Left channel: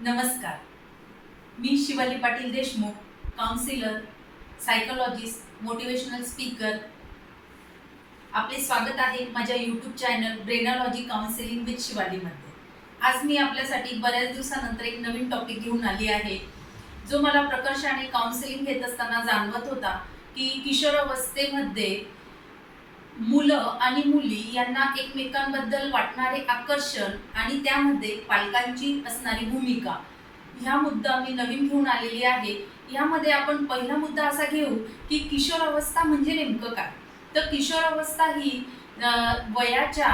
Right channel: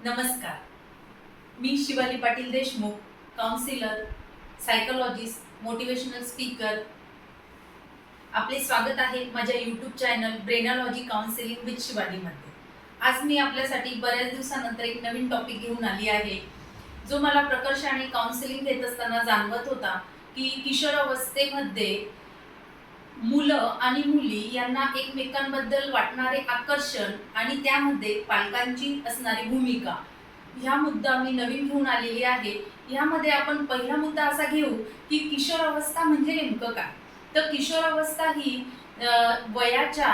नमस्कार. मी Shivali Patil Deshmukh counsellor psychologist motivational speaker आपले स्वागत आहे माझ्या YouTube channel Brainology counselling with शिवालीमध्ये आज मी आपल्यासाठी बऱ्याच दिवसानंतर एक नवीन टॉपिक घेऊन आली आहे जो मला प्रकर्षाने काउन्सिलिंग घेत असताना जाणवत होता की किशोरावस्थेमध्ये मुलं आणि मुली यांना एकमेकांबद्दल वाटणारे आकर्षण आणि त्यामध्ये पालकांची असणारी भूमिका. ह्या मुद्दा मी नवीन घेऊन आलेली आहे. यामध्ये आपण पहिला मुद्दा असा घेऊ की किशोरावस्था म्हणजे नेमकं काय? तर किशोरावस्था ही वयाच्या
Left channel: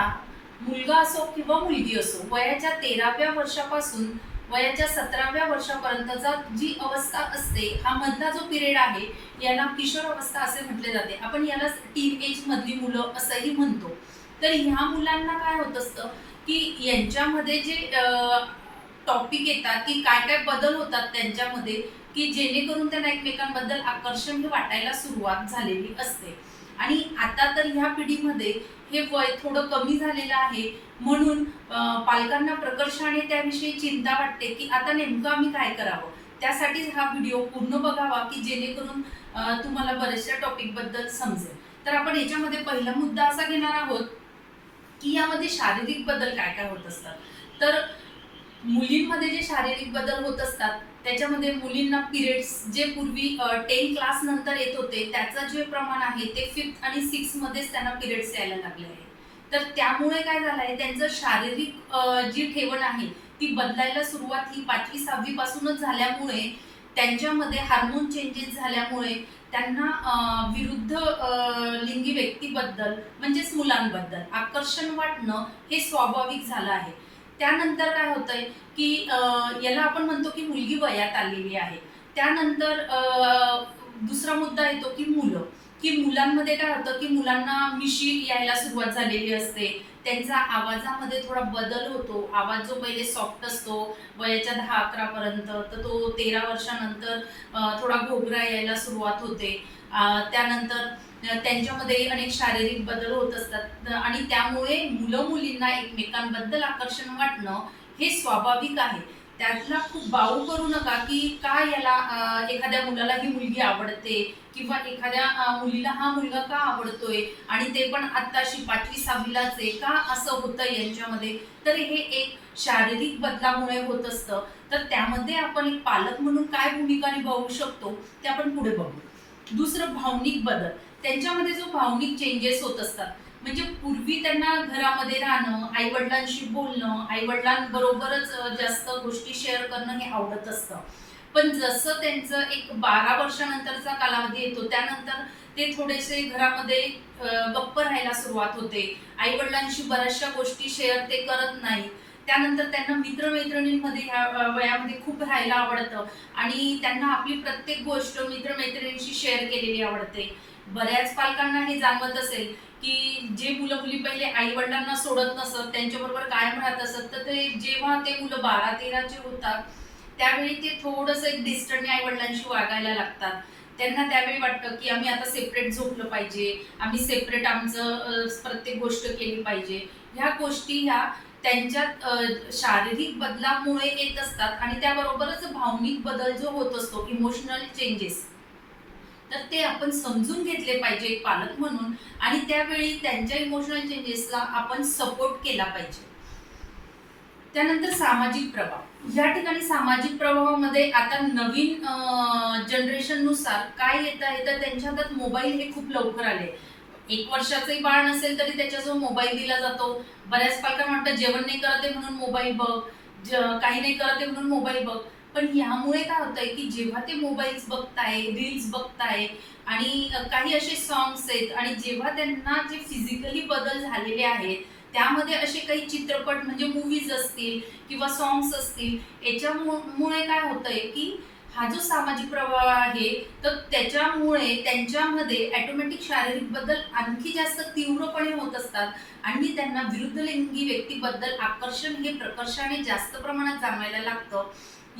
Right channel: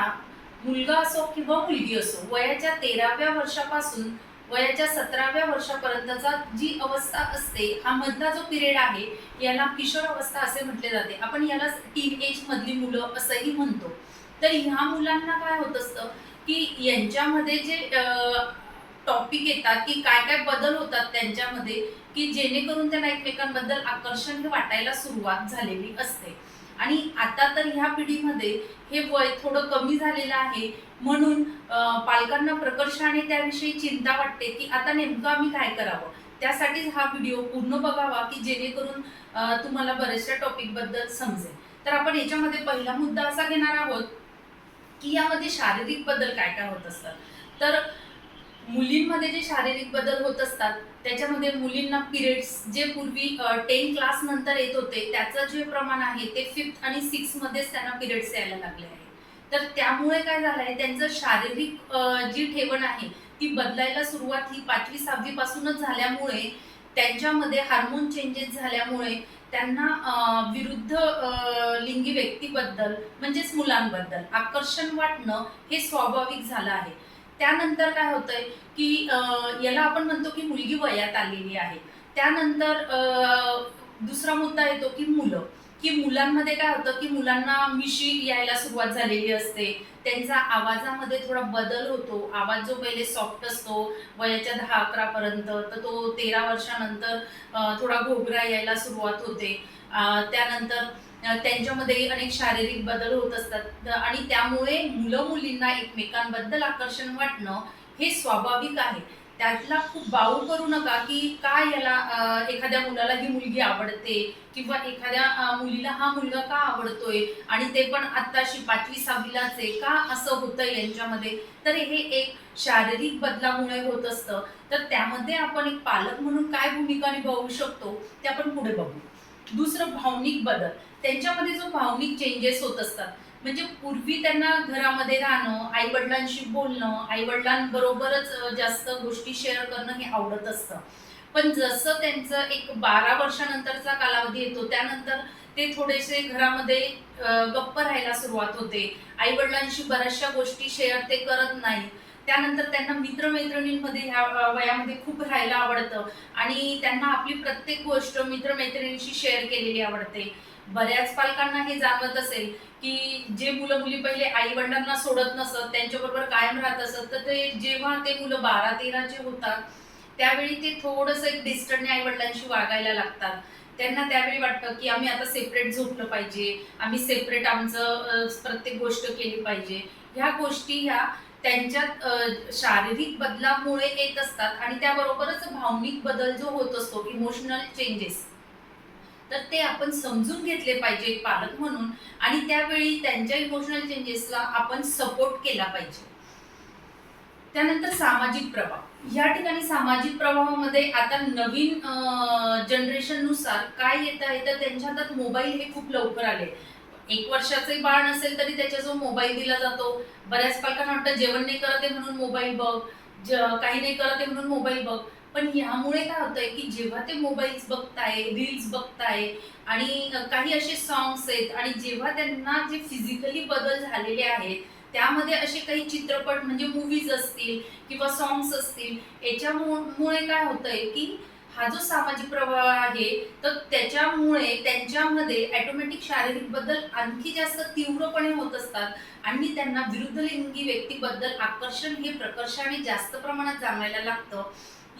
मुलगा असो किंवा मुलगी असो वयाच्या तेराव्या वर्षापासून वयाच्या सतराव्या वर्षापर्यंतचा जी अवस्था असते हा मधला जो पिरियड आहे याला किशोर अवस्था असे म्हटले जाते. आपण याला टीन एज मधली मुलं असंही म्हणतो. तर ह्या मुलांना काय होत असतं की यांच्यामध्ये जे टॉपिक येतात की काय काय बदल होतात त्यांच्यामध्ये की जेणेकरून त्यांना एकमेकांबद्दल आकर्षण वाटायला सुरुवात झालेली असते. आणि आता तर ह्या पिढीमध्ये हे वय थोडं कमी झालेलं आहे. म्हणून पालकांना प्रकर्षाने त्याविषयी चिंता वाटते की आता नेमकं आम्ही काय करावं? त्यासाठीच हा व्हिडिओ पूर्ण बघावा की जेणेकरून तुम्हाला बऱ्याचशा टॉपिकबद्दल समजेल. तर आपण याच्यामध्ये पहिला मुद्दा असा घेणार आहोत की यामध्ये शारीरिक बदल काय काय होत असतात? तर मुलींमध्ये जे शारीरिक बदल होत असतात त्याच्यामध्ये मुलींना पिरियड्स जे पूर्वी टेन क्लास नंतर येत होते त्याचं जे प्रमाण आहे ते फिफ्थ आणि सिक्स मध्येच त्यांना पिरियड्स यायला लागले आहे तर त्यामुळे काय झालं आहे त्यांचं शारीरिक जी ठेवण आहे ती बदलायला सुरुवात ही पाचवी सहावी पासूनच झाल्यामुळे त्यांच्यामध्ये हार्मोन चेंजेस झाल्यामुळे त्यांना विरुद्ध लिंगी व्यक्तीबद्दल म्हणजेच मुलांबद्दल आकर्षण वाटणं हे स्वाभाविक झालं आहे. त्यानंतर काय होतंय की याला आपण म्हणतो की मुलगी वयात आलेली आहे. त्यानंतर दुसरा मुद्दा येतो की मुलं. की मुलांमध्ये काय होतं की मुलांना मिशी यायला सुरुवात झालेली असते. त्यांचा आवाजामध्ये थोडा बदल होतो. आवाज जो पहिले सॉफ्ट असतो वयाच्या दहा अकरा पर्यंत तर तो तेरा वर्षानंतर थोडा घोगरा यायला सुरुवात होते. त्यानंतर त्यांच्यामध्ये अनेक शारीरिक बदल होत असतात. आणि त्यामुळे मुलं मुलींना एकमेकांबद्दल आकर्षण वाटणं हे स्वाभाविक आहे. त्यातला खूप बाऊ करू नका की का याला एखाद्या मुलाला ही मुलगी आवडते किंवा एखाद्या मुलीला हा मुलगा का आवडतोय आणि ते पण आत्ताशी पाचवी सहावीलाच आहे. का असं होतं यांच्यामध्ये? तर हे एक शारीरिक बदलामुळे होत असतं. तर त्यामध्ये आपण एक पालक म्हणून काय भूमिका निभावू शकतो? ते आपण पुढे बघू. दुसरं भावनिक बदल. त्यांच्यामध्ये जो भावनिक चेंजेस होत असतात. म्हणजे पूर्वी त्यांना घरामध्ये राहणं आईवडिलांशी बोलणं आईवडिलांबरोबरच जास्त गोष्टी शेअर करणं हे आवडत असतं. पण जसं त्यांचं एक बारा वर्षानंतरचा कालावधी येतो त्यानंतर ते थोडेसे घरामध्ये गप्प राहायला सुरुवात होते. आईवडिलांशी बऱ्याचशा गोष्टी शेअर ते करत नाही. त्यानंतर त्यांना मित्रमैत्रिणींमध्ये ह्या वयामध्ये खूप राहायला आवडतं. आणि त्यांना आपली प्रत्येक गोष्ट मित्रमैत्रिणींशी शेअर केलेली आवडते. बऱ्याच पालकांना हे जाणवत असेल की जे मुलं मुली पहिले आई वडिलांना सोडत नसत त्यांच्याबरोबर कायम राहत असत तर ते जेव्हा ते मुलं बारा तेराचे होतात त्यावेळी ते थोडंसं एक डिस्टर्बने आई वडिलांशी वागायला लागतात. त्यांना त्यावेळी वाटतं की आम्ही आता सेपरेट झोपलं पाहिजे आम्ही सेपरेट आमचं प्रत्येक गोष्ट केली पाहिजे. ह्या गोष्टी ह्या त्यांच्यात शारीरिक बदलामुळे येत असतात आणि त्याबरोबरच भावनिक बदल जो होत असतो इमोशनल चेंजेस तर ते आपण समजून घेतले पाहिजे एक पालक म्हणून. आणि त्यावेळी त्यांच्या इमोशनल चेंजेसला आपण सपोर्ट केला पाहिजे. त्यानंतर सामाजिक प्रभाव. या ठिकाणी सामाजिक प्रभावामध्ये आता नवीन जनरेशननुसार काय येत आहे? तर त्यांच्या हातात मोबाईल हे खूप लवकर आले. एक वर्षाचंही बाळ नसेल तरी त्याच्याजवळ मोबाईल दिला जातो. बऱ्याच पालकांना वाटतं जेवण नाही करत आहे म्हणून मोबाईल बघ. ज- काही नाही करत आहे म्हणून मोबाईल बघ. पण ह्यामुळे काय होतंय की जेव्हा ते मोबाईल्स बघताय रील्स बघताय आणि काही असे सॉंग्स आहेत आणि जेव्हा त्यांना जे फिजिकली बदल झालेले आहेत त्यामध्ये असे काही चित्रपट म्हणजे मूवीज असतील किंवा सॉंग्स असतील याच्यामुळे काय होतंय की हा जो सामाजिक प्रवाह आहे तर त्याच्यामुळे त्यांच्यामध्ये ॲटोमॅटिक शारीरिक बदल आणखी जास्त तीव्रपणे होत असतात. आणि त्यांना विरुद्ध लिंगी व्यक्तीबद्दल आकर्षण हे प्रकर्षाने जास्त प्रमाणात जाणवायला लागतं.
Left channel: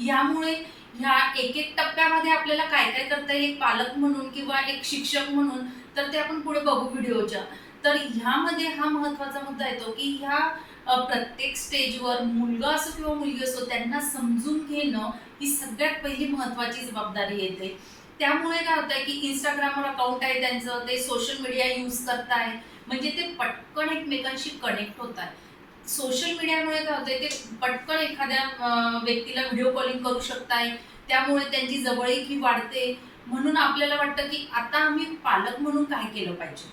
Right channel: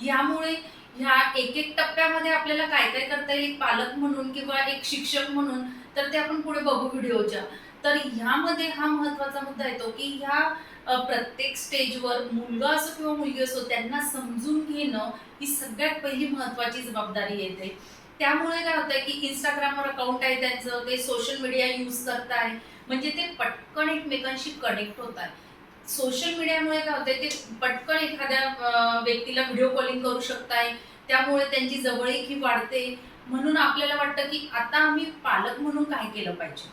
यामुळे ह्या एक एक टप्प्यामध्ये आपल्याला काय काय करता येईल? एक पालक म्हणून किंवा एक शिक्षक म्हणून तर ते आपण पुढे बघू व्हिडिओच्या. तर ह्यामध्ये हा महत्त्वाचा मुद्दा येतो की ह्या प्रत्येक स्टेजवर मुलगा असो किंवा मुलगी असो त्यांना समजून घेणं ही सगळ्यात पहिली महत्त्वाची जबाबदारी येते. त्यामुळे काय होतंय की इंस्टाग्रामवर अकाउंट आहे त्यांचं ते सोशल मीडिया यूज करताय. म्हणजे ते पटकन एकमेकांशी कनेक्ट होत आहे सोशल मीडियामुळे काय होतंय ते पटकन एखाद्या व्यक्तीला व्हिडिओ कॉलिंग करू शकताय त्यामुळे त्यांची जवळीकी वाढते. म्हणून आपल्याला वाटतं की आता आम्ही पालक म्हणून काय केलं पाहिजे?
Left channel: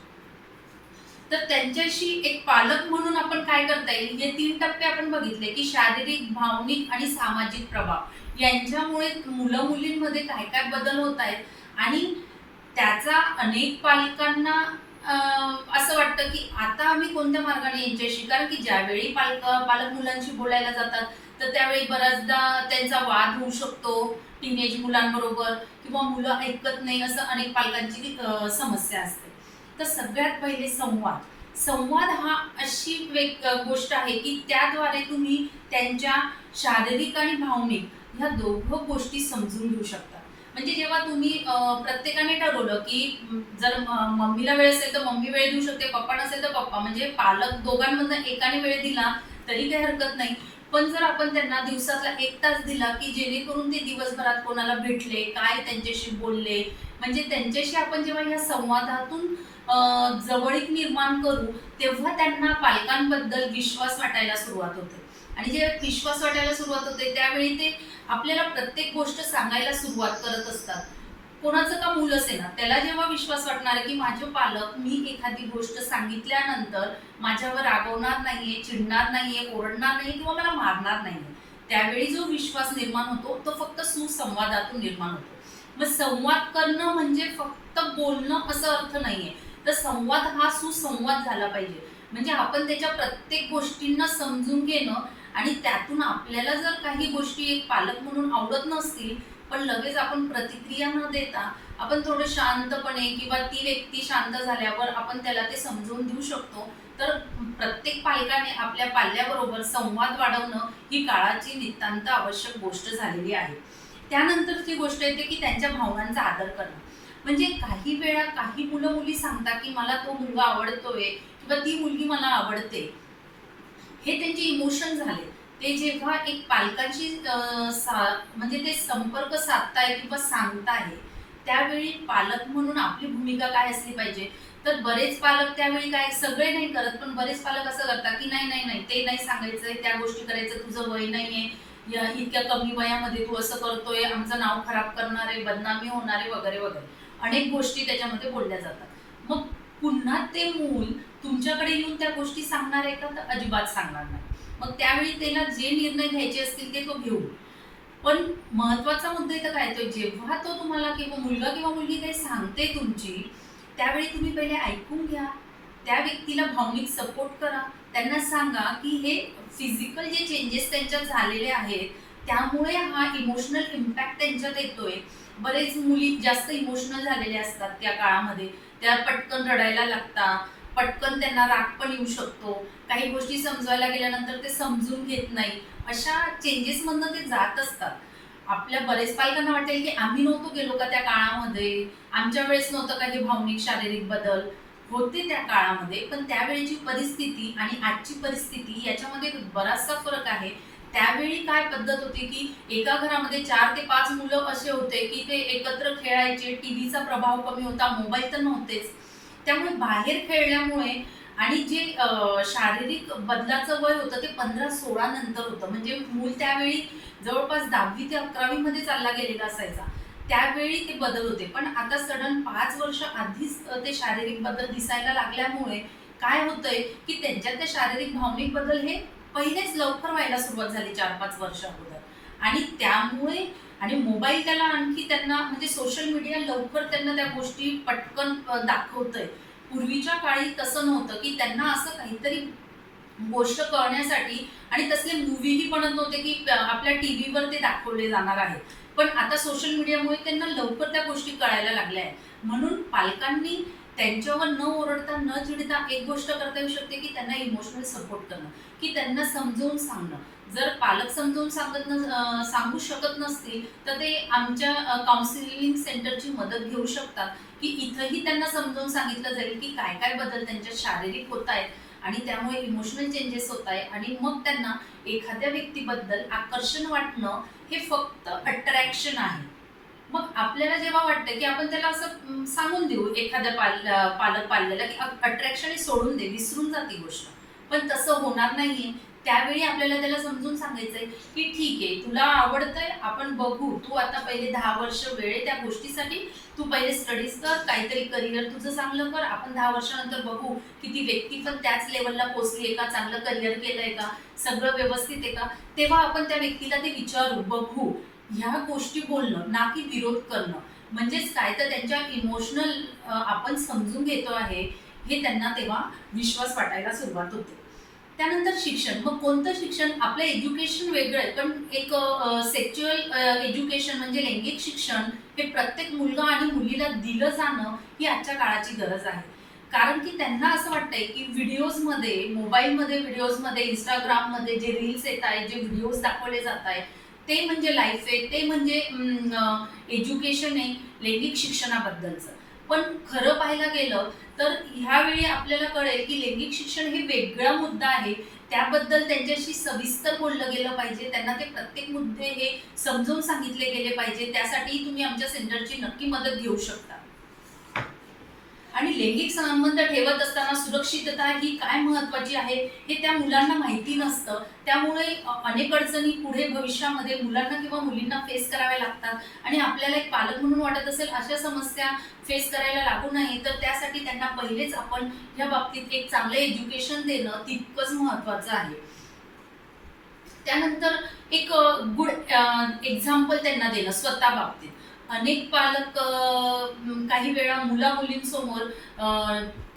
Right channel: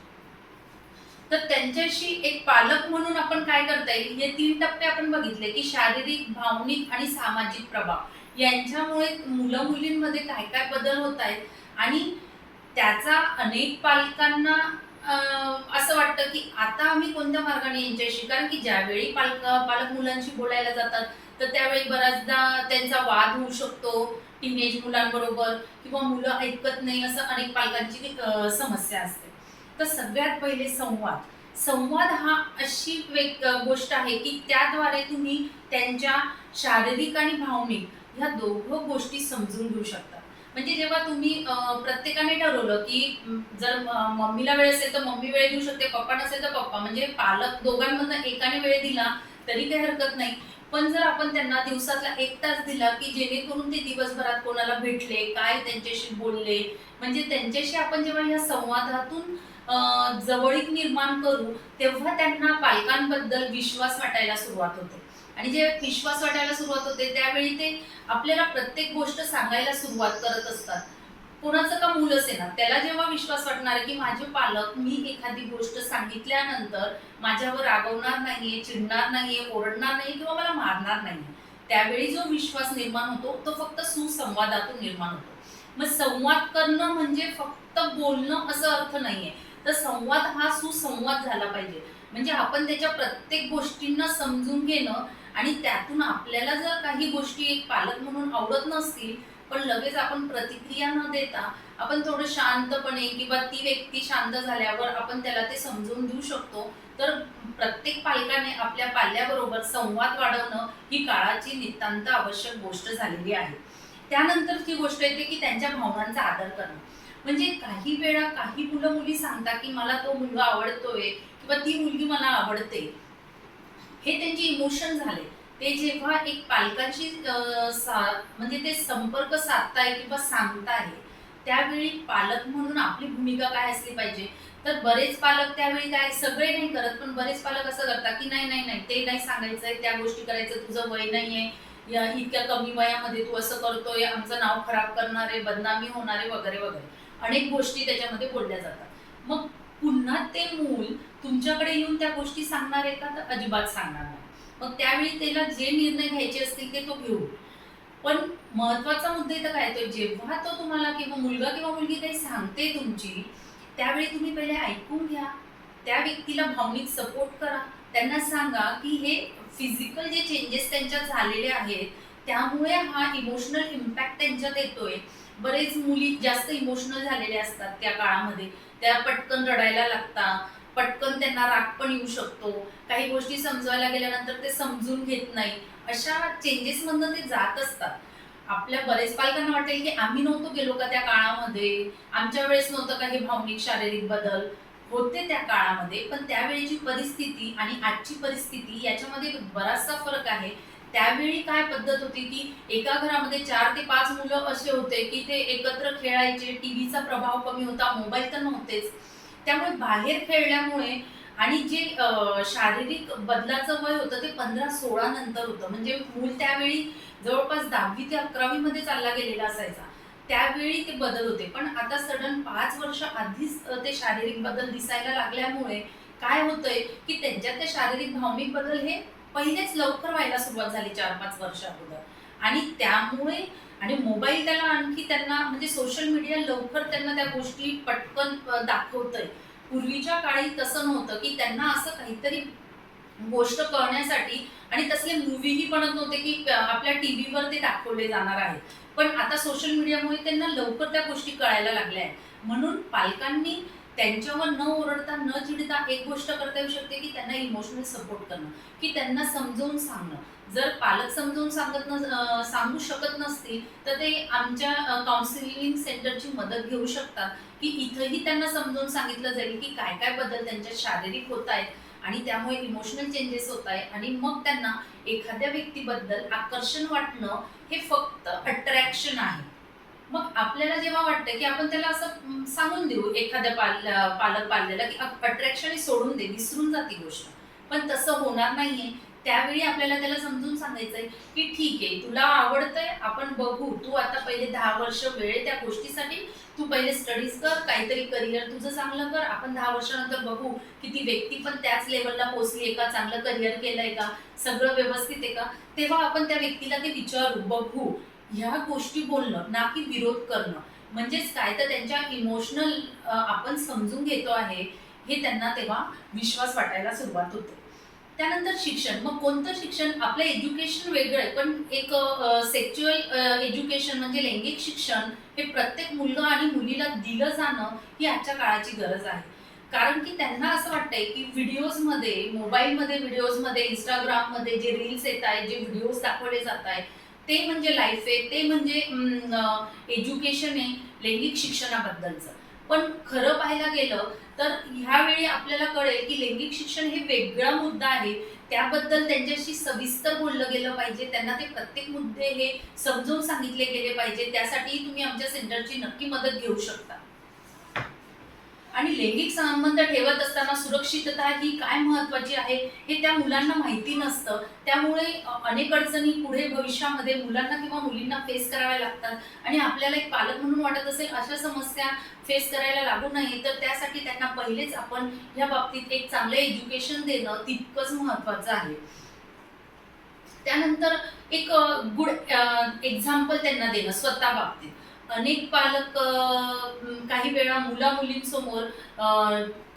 तर त्यांच्याशी एक पालक म्हणून आपण काय करता येईल? हे तीन टप्पे आपण बघितले की शारीरिक भावनिक आणि सामाजिक प्रभाव. यांच्यामुळे मुलं मुलींमध्ये काय काय बदल होत आहेत? आणि त्याचा अनेक पालकांना असं वाटतं की आता आम्ही कोणत्या मार्गाने यांच्याशी कारण की ज्यावेळी पालक पालक मुलांशी बोलायला जातात तर त्यावेळी बऱ्याचदा त्यांचा वाद होऊ शकतो टीनेज मुलांबरोबर किंवा मुलं ऐकत नाही असं अनेक पालकांची समस्या असते. तर सगळ्यात पहिले संवाद. संवाद हा अशी वेग गोष्ट आहे की त्याद्वारे तुम्ही त्यांच्या शारीरिक आणि भावनिक ह्या दोघं गोष्टी समजून घेऊ शकता. म्हणजे जेव्हा तुम्ही प्रत्येकाने ठरवलं की जर मम्मीला वेळ असेल तर मम्मी वेळ देऊ शकते पप्पा नसेल तर पप्पा. म्हणजे पालक दोघांमधनं एकाने वेळ दिला तरी काही हरकत नाही. पण जर आपण त्यांना दिवसातला एक तास दिला की जेणेकरून ते दिवसभरात कोणाला भेटले काय त्यांच्याशी बोलले म्हणजे त्यांच्याशी आपण जेव्हा या संवादातून जवळीक निर्माण करू तेव्हा त्यांना पालकांबद्दल विश्वास वाटायला सुरुवात होते. आणि जेव्हा विश्वास वाटायला सुरुवात होते त्यावेळी ते आपल्याला प्रत्येक गोष्ट सांगायला सुरुवात करत असतात. कोणाचं का मूल असे ना त्याला जेव्हा विश्वास वाटणार आहे की माझे पालक मी एखादी गोष्ट सांगितल्यानंतर माझ्यावर रागवणार नाहीये चिडणार नाहीये ओरडणार नाही किंवा मला मारणार नाहीये त्यावेळी जो विश्वास निर्माण होतो तो फक्त सुसंवादातून निर्माण होतो. मग संवाद करणं म्हणजे फक्त बोलणं असं अर्थ नाहीये. तर संवाद हा सुसंवाद झाला पाहिजे. म्हणजे आपण त्याच्या प्रत्येक गोष्टींना समजून घेणं आणि त्यातून आपल्याला जर काही गोष्टी एक पालक म्हणून आवडत नसतील पण लगेच आपण प्रतिक्रिया न देता आपण थोडं शांतपणे किंवा ती व्यक्ती शांत झाल्यावर आपण त्याला ते समजून देऊ शकतो. तर प्रत्येक पालकाने आपल्या पाल्याबरोबर संवाद वाढवणं ही काळाची नितांत आवश्यक गोष्ट झालेली आहे. त्यानंतर ती गोष्ट येते की त्यांच्या भावनांचा आदर करणं. म्हणजे काही वेळा काही मुलं मुली सांगतात की मला तो मुलगा आवडतोय किंवा ती मुलगी मला आवडते. हे त्यांचे इमोशन झाले. ते जेव्हा एक पालकाची म्हणजे ते संपर्क साधताय किंवा सांगताय त्यावेळी पालक म्हणून आपली भूमिका काय असली पाहिजे. तर बरेच पालक त्यावेळी काय सगळे नाही करत पण बरेच पालक असं करतात की नाही नाही नाही ते नाही सांगायचंय त्या गोष्टी करायचं तुझं वय नाहीये या इतक्या कमी वयामध्ये तू असं करतोय आमचं नाव खराब करणार आहे बदनामी होणार आहे वगैरे वगैरे. अनेक गोष्टी त्याच्यामध्ये बोलल्या जातात. मग पुन्हा ते मूल तुमच्याकडे येऊन त्या गोष्टी सांगणार आहे का? तर अजिबात सांगणार नाही. मग त्यावेळी त्याला जे निर्णय घ्यायचे असतील ते तो घेऊ पण महत्त्वाचा मुद्दा इथं काय तो जेव्हा तो तुम्हाला किंवा मुलगा किंवा मुलगी काही सांगते तुमची त्यावेळी तुम्ही पहिले ऐकून घ्या. त्या व्यक्तीला भावनिक सपोर्ट करा. त्यांना सांगा की हे फिजिकल जे चेंजेस त्यांच्या झालेले आहेत त्यामुळे हा इमोशनल इम्पॅक्ट त्यांच्यात येतोय. बरेच मुली जास्त इमोशनल झालेल्या असतात त्या काळामध्ये. त्या पटकन रडायला लागता पटकन त्यांना राग पण येऊ शकतो. काही गोष्टी समजवायला गेल्यानंतर ते समजून घेत नाही. अशा चेंजेस मधनं ते जात असतात. आपल्या बरेच पालकांना वाटेल की आम्ही नव्हतो गेलो का त्या काळामध्ये? आमच्या वेळेस नव्हतं का हे भावनिक शारीरिक बदल? होते त्या काळामध्ये पण त्यावेळेची परिस्थिती आणि आजची परिस्थिती याच्यामध्ये बराचसा फरक आहे. त्यावेळी काय पद्धत होती की एका घरामध्ये चार ते पाच मुलं असे होते की ते एकत्र खेळायचे टीव्हीचा प्रभाव कमी होता मोबाईल तर नव्हतेच. त्यामुळे बाहेर खेळल्यामुळे आणि जे शारीरिक बदलाचं वय होतं ते पंधरा सोळा नंतर होतं. म्हणजे मूल त्यावेळी जवळपास दहावी ते अकरावी मध्ये चालला गेलेला असायचा. त्यावेळी ते बदल होते. पण आता सडन पाच वर्ष आधीच ते शारीरिक बदल दिसायला लागल्यामुळे काय होतंय की त्यांच्यात ते शारीरिक भावनिक बदल हे पहिलेच लवकर व्हायला सुरुवात झाली चार पाच वर्ष अगोदर. आणि त्यामुळे आणि मोबाईल त्याला आणखी त्यांना म्हणजे सोशल मीडिया लवकर त्यांना त्या गोष्टी पटकन दाखवतंय. पूर्वीच्या काळी तसं नव्हतं की त्यांना असं काहीतरी गोष्ट कळण्यासाठी आणि तसले मूवीही बनत नव्हते की आपल्या आपल्या टीव्हीवर ते दाखवले जाणार आहेत. पण आता सोशल मीडियामुळे त्यांना लवकर त्या गोष्टी कळायला लागल्या आहेत. म्हणून पालकांनी त्यांच्यावर न ओरडता न चिडता एक गोष्ट करता येऊ शकते की त्यांना इमोशनल सपोर्ट करणं की त्यांना समजवून सांगणं. जर पालक समजवून सांगत न सांगू शकत नसतील तर ते आमच्या काउन्सिलिंग सेंटरची मदत घेऊ शकतात. की इथंही त्यांना समजावून सांगितलं जाईल की काय काय बदल त्यांच्या शारीरिक होत आहेत आणि त्यामुळे इमोशनल चेंजेस होत आहे आणि मग त्यांना एखाद्या व्यक्तीबद्दल आकर्षण वाटणं हे फक्त अट्रॅक्शन आहे. मग आपल्याला जेव्हा वाटतं की आपण त्याला असं सांगून देऊ एखाद्या पाल पालक पाल्याला की अट्रॅक्शन सोडून दे विसरून जाते गोष्ट. पण तसं होणार नाहीये त्यावेळी आपल्याला त्याला समजून सांगायचंय की ठीक आहे तुला आवडतंय आपण बघू. तू आता पहिले दहा वर्ष वेळ त्या गोष्टीसाठी. तू पहिले स्टडीज कर काहीतरी करिअर तुझं चांगलं कर. आपण दहा वर्षानंतर बघू की ती व्यक्ती पण त्याच लेवलला पोचली आहे का चांगलं करिअर केलंय का सगळं व्यवस्थित आहे का. तेव्हा आपण त्या व्यक्तीला ते विचारू बघू. ह्या गोष्टी बोलणं ना की विरोध करणं. म्हणजेच काय? तर त्यांच्या इमोशनल आपण समजून घेतो आहे हे त्यांना तेव्हा विश्वास वाटायला सुरुवात होते. त्यानंतर शिक्षण. मग कोणतं शिक्षण? आपलं एज्युकेशन वेगळं आहे पण एक सेक्च्युअल एज्युकेशन म्हणजे लैंगिक शिक्षण हे प्रत्येक मुलगा आणि मुलीला दिलं जाणं ही आजच्या काळाची गरज आहे. कारण की त्यांना असं वाटतंय की व्हिडिओजमध्ये मोबाईलमध्ये व्हिडिओजमध्ये इंस्टाग्राममध्ये जे रील्स येत आहेत जे व्हिडिओज दाखवले जात आहेत ते म्हणजे लाईफ आहे ते म्हणजे एज्युकेशन आहे लैंगिक शिक्षणाबद्दलचं. पण खरं पाहायला गेलं तर ह्यावेळी आपल्याला कळेल की लैंगिक शिक्षण हे वेगळा मुद्दा आहे. त्याबद्दल त्यांच्याशी सविस्तर बोललं गेलं पाहिजे. त्यांना ते प्रत्येक मुद्दे हे समजून सांगितले गेले पाहिजे. त्यासाठी तुम्ही आमच्या सेंटरची नक्की मदत घेऊ शकता. आणि लैंगिक संबंध ठेवत असताना सुरक्षितता ही काय महत्वाची आहे हे त्या मुलांना माहिती नसतं. त्यामुळे अनेक अडचणी पुढे भविष्यामध्ये मुलांना किंवा मुलींना फेस कराव्या लागतात. आणि आपल्याला एक पालक म्हणून वाटत असेल अशा समस्या फेस करायला लागू नये तर त्यासाठी त्यांना पहिलेच आपण या बाबतीत एक चांगलं एज्युकेशन देणं तितकंच महत्वाचं आहे. त्यानंतर एक गुड एक्झाम्पल त्यांना देणं स्वतः बाबतीत. अनेक पालक काही वेळा मुला मुलींसमोर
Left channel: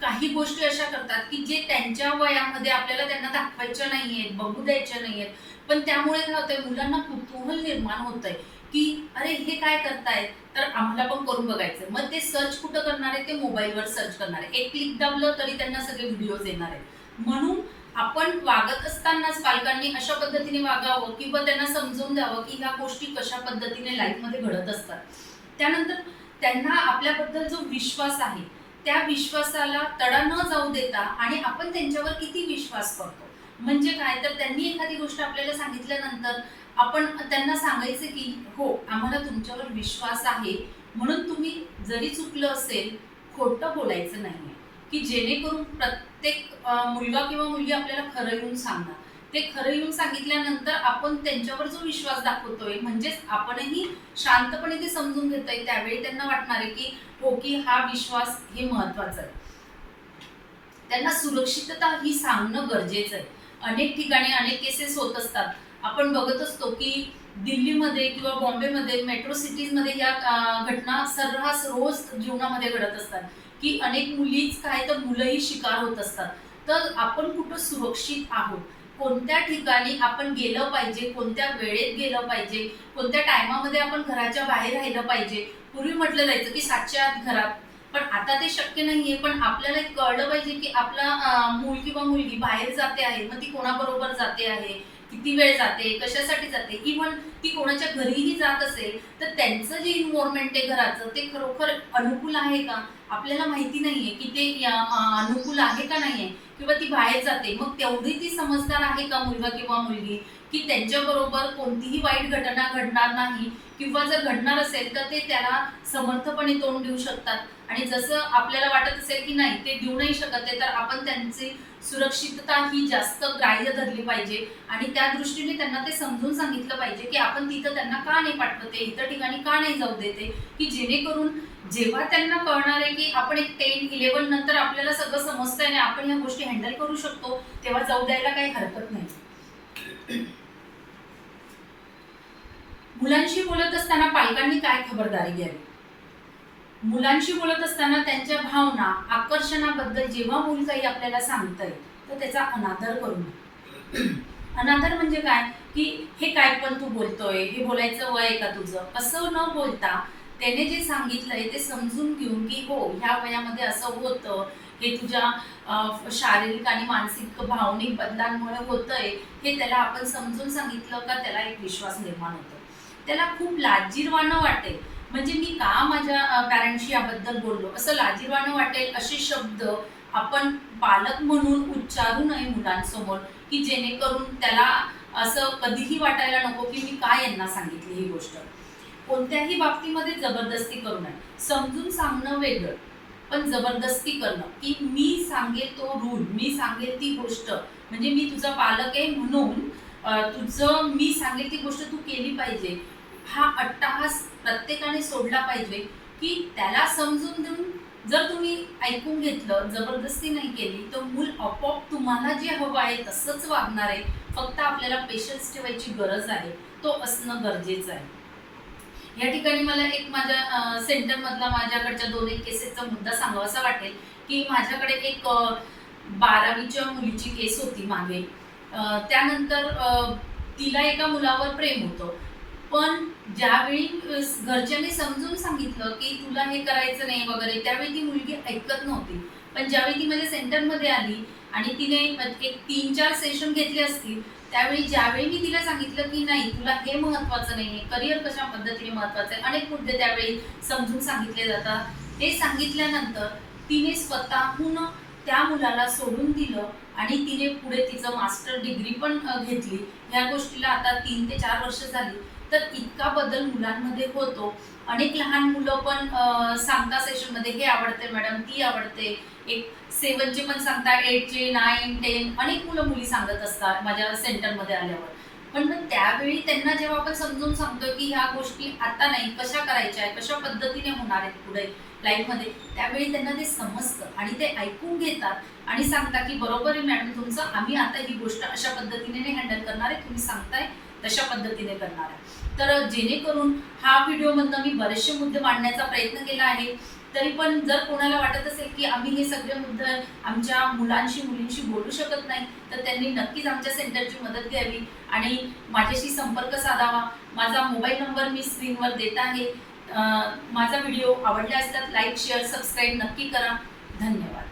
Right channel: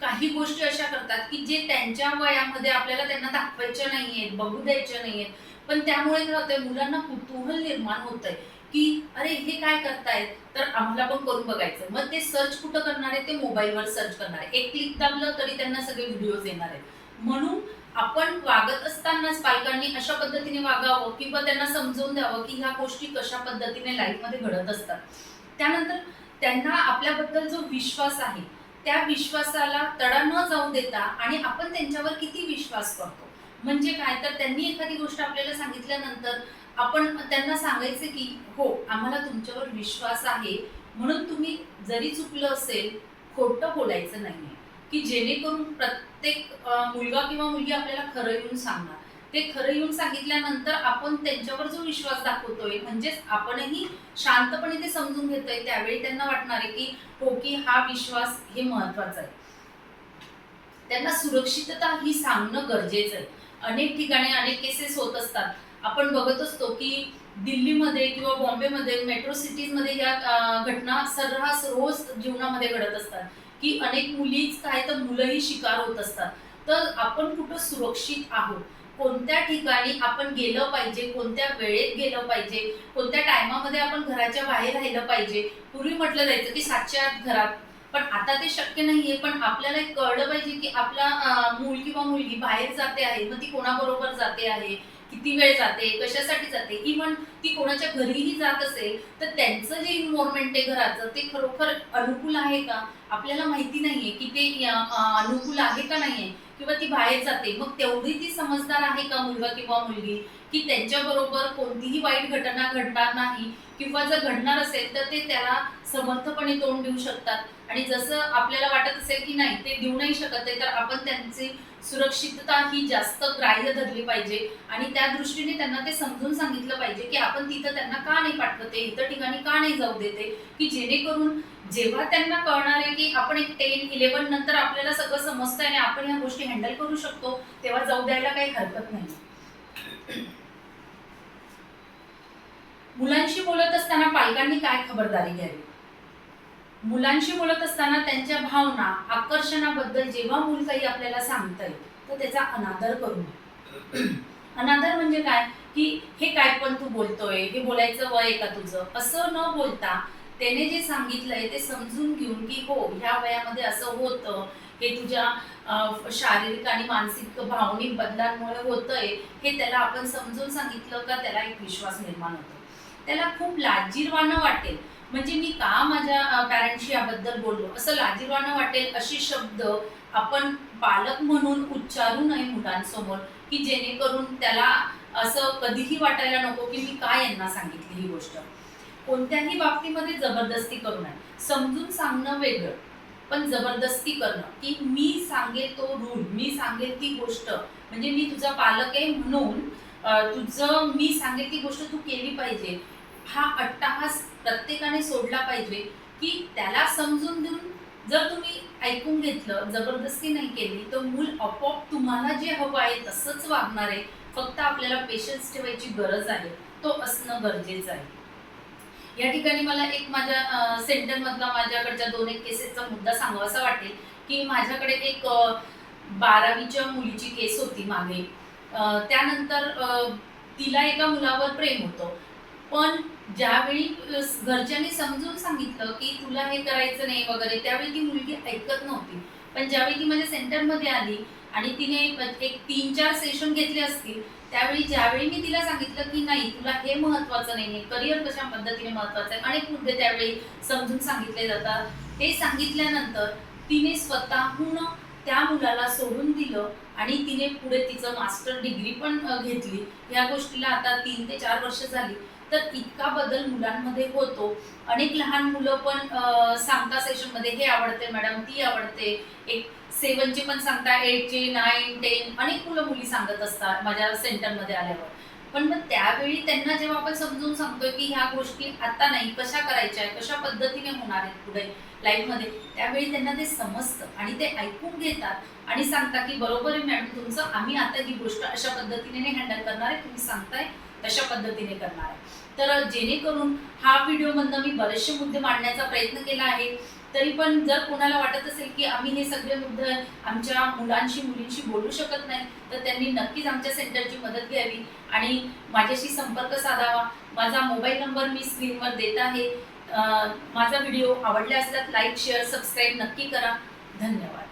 काही गोष्टी अशा करतात की जे त्यांच्या वयामध्ये आपल्याला त्यांना दाखवायच्या नाहीयेत बघू द्यायच्या नाहीयेत. पण त्यामुळे काय होतंय मुलांना कुतूहल निर्माण होत आहे की अरे हे काय करतायत? तर आम्हाला पण करून बघायचं. मग ते सर्च कुठं करणार आहे ते मोबाईलवर सर्च करणार आहे एक क्लिक दाबलं तरी त्यांना सगळे व्हिडिओज येणार आहेत. म्हणून आपण वागत असतानाच पालकांनी अशा पद्धतीने वागावं किंवा त्यांना समजवून द्यावं की ह्या गोष्टी कशा पद्धतीने लाईफमध्ये घडत असतात. त्यानंतर त्यांना आपल्याबद्दल जो विश्वास आहे त्या विश्वासाला तडा न जाऊ देता आणि आपण त्यांच्यावर किती विश्वास करतो. म्हणजे काय? तर त्यांनी एखादी गोष्ट आपल्याला सांगितल्यानंतर आपण त्यांना सांगायचं की हो आम्हाला तुमच्यावर विश्वास आहे. म्हणून तुम्ही जरी चुकलं असेल खोटं बोलायचं नाही की जेणेकरून प्रत्येक प्रत्येक मुलगा किंवा मुलगी आपल्याला खरं येऊन सांगणार. ते खरं येऊन सांगितल्यानंतर आपण त्यांच्यावर जो विश्वास दाखवतोय म्हणजेच आपणही शांतपणे ते समजून घेतोय त्यावेळी त्यांना वाटणार आहे की हो की हा विश्वास हे महत्त्वाचा आहे. त्यांना सुरक्षितता ही सांगणं गरजेचं आहे. अनेक ठिकाणी अनेक केसेस होत असतात. आपण बघत असतो की दिल्लीमध्ये किंवा बॉम्बेमध्ये मेट्रो सिटीजमध्ये या घटना सर्रास रोज जीवनामध्ये घडत असतात. की अनेक मुलीच काय तर मुलंही शिकार होत असतात. तर आपण कुठं सुरक्षित आहोत? कोणत्या ठिकाणी आपण गेलं पाहिजे? कोणत्या वेळेत गेलं पाहिजे? कोणत्या टायमामध्ये आपण घराच्या बाहेर राहिलं पाहिजे? पूर्वी म्हटलं जायचं की सातच्या आत घरात. पण आता ते शक्य नाहीये. पण आपल्याला एक कळलं पाहिजे की आपला मूल किंवा मुलगी बाहेर जाते आहे. मग ती कोणाबरोबर जाते आहे? किती वेळ जाते कशासाठी जाते इव्हन ती कोणाच्या घरीही जात असेल तर त्यांचं जे इन्व्हॉर्मेंट आहे घराचं ते खरोखर अनुकूल आहे का? आपल्याला माहिती नाहीये की ते अनुकूल आहे का नाहीये? किंवा ती बाहेर जाते मग तेवढी ती समजदार आहे का मुलगा किंवा मुलगी? की त्यांच्याबरोबर कोणतीही वाईट घटना घडणार नाही किंवा जर घडणार असेल तर ते त्याला समर्थपणे तोंड देऊ शकतात. आणि जसं आपल्याला वाटत असेल की नाही ते देऊ नाही शकत आहे तर आपण त्यांची सुरक्षितता ही जास्त ग्राह्य धरली पाहिजे. आणि त्या दृष्टीने त्यांना ते समजून सांगितलं पाहिजे की आपण तिथं त्यांना का नाही पाठवते इतर ठिकाणी का नाही जाऊ देते की जेणेकरून जेव्हा त्यांना कळणार आहे की आपण एक टेन इलेव्हन नंतर आपल्याला सगळं समजतंय आणि आपण ह्या गोष्टी हँडल करू शकतो तेव्हा जाऊ द्यायला काही हरकत नाही. मुलांशी बोलत असताना पालकांनी काय खबरदारी घ्यावी? मुलांशी बोलत असताना त्यांच्या भावना आकर्षणाबद्दल जेव्हा मूल काही आपल्याला सांगतंय तर त्याचा अनादर करू नये अनादर म्हणजे काय? की हे काय पण तू बोलतोय हे बोलायचं वय आहे का तुझं? असं न बोलता त्याने जे सांगितलंय ते समजून घेऊन की हो ह्या वयामध्ये असं होतं हे तुझ्या शारीरिक आणि मानसिक भावनिक बदलांमुळे होतंय हे त्याला आपण समजून सांगितलं का त्याला एक विश्वास निर्माण होतो? त्याला खूप लाजीरवाणं वाटेल. म्हणजे मी का माझ्या पॅरेंट्सशी याबद्दल बोललो? असं लाजीरवाणं वाटेल असे शब्द आपण पालक म्हणून उच्चारू नये मुलांसमोर की जेणेकरून त्याला असं कधीही वाटायला नको की मी काय यांना सांगितली ही गोष्ट. कोणत्याही बाबतीमध्ये जबरदस्ती करू नये. समजून सांगणं वेगळं पण जबरदस्ती करणं. की मी सांगेल तो रूल मी सांगेल ती गोष्ट. म्हणजे मी तुझा पालक आहे म्हणून तुझं मी सांगेल ती गोष्ट तू केली पाहिजे. हा अट्टाहास प्रत्येकाने सोडला पाहिजे की त्याला समजून देऊन जर तुम्ही ऐकून घेतलं जबरदस्ती नाही केली तर मूल आपोआप तुम्हाला जे हवं आहे तसंच वागणार आहे. फक्त आपल्याला पेशन्स ठेवायची गरज आहे. तो असणं गरजेचं आहे. या ठिकाणी मला एक माझ्या सेंटरमधला माझ्याकडच्या दोन एक केसेसचा मुद्दा सांगावासा वाटेल की माझ्याकडे एक बारावीच्या मुलीची केस होती मागे. त्यानंतर तिला एका मुलावर प्रेम होतं. पण ज्यावेळी घरच्यांनी समजून सांगितलं की तुला हे करायचं नाही वगैरे त्यावेळी ती मुलगी ऐकत नव्हती. पण ज्यावेळी ती माझ्या सेंटरमध्ये आली आणि तिने एक तीन चार सेशन घेतले असतील त्यावेळी ज्यावेळी मी तिला सांगितलं की नाही तुला हे महत्वाचं नाही आहे करिअर कशा पद्धतीने महत्वाचं आहे अनेक मुद्दे त्यावेळी समजून सांगितले जातात. ते सांगितल्यानंतर तिने स्वतःहून त्या मुलाला सोडून दिलं आणि तिने पुढे तिचं मास्टर डिग्री पण घेतली या गोष्टीला आता तीन ते चार वर्ष झाली. तर इतका बदल मुलांमध्ये होतो. अनेक लहान मुलं पण सांगता सेशनमध्ये हे आवडते मॅडम ती आवडते. एक सेवनचे पण सांगता एटचे नाईन टेन अनेक मुलं मुली सांगत असतात माझ्या सेंटरमध्ये आल्यावर. पण मग त्यावेळी त्यांना जेव्हा आपण समजून सांगतोय की ह्या गोष्टी आता नाही कशा करायच्या आहेत कशा पद्धतीने होणार आहेत पुढे लाईफमध्ये त्यावेळी त्यांना ते समजतं आणि ते ऐकून घेतात आणि सांगतात की बरोबर आहे मॅडम तुमचं आम्ही आता ही गोष्ट अशा पद्धतीने हँडल करणार आहे. तुम्ही सांगताय तशा पद्धतीने करणार आहे. तर जेणेकरून हा व्हिडिओमधनं मी बरेचसे मुद्दे मांडण्याचा प्रयत्न केला आहे. तरी पण जर कोणाला वाटत असेल की आम्ही हे सगळे मुद्दे आमच्या मुलांशी मुलींशी बोलू शकत नाही तर त्यांनी नक्कीच आमच्या सेंटरची मदत घ्यावी आणि माझ्याशी संपर्क साधावा. माझा मोबाईल नंबर मी स्क्रीनवर देत आहे. माझा व्हिडिओ आवडला असतात लाईक शेअर सबस्क्राईब नक्की करा. धन्यवाद.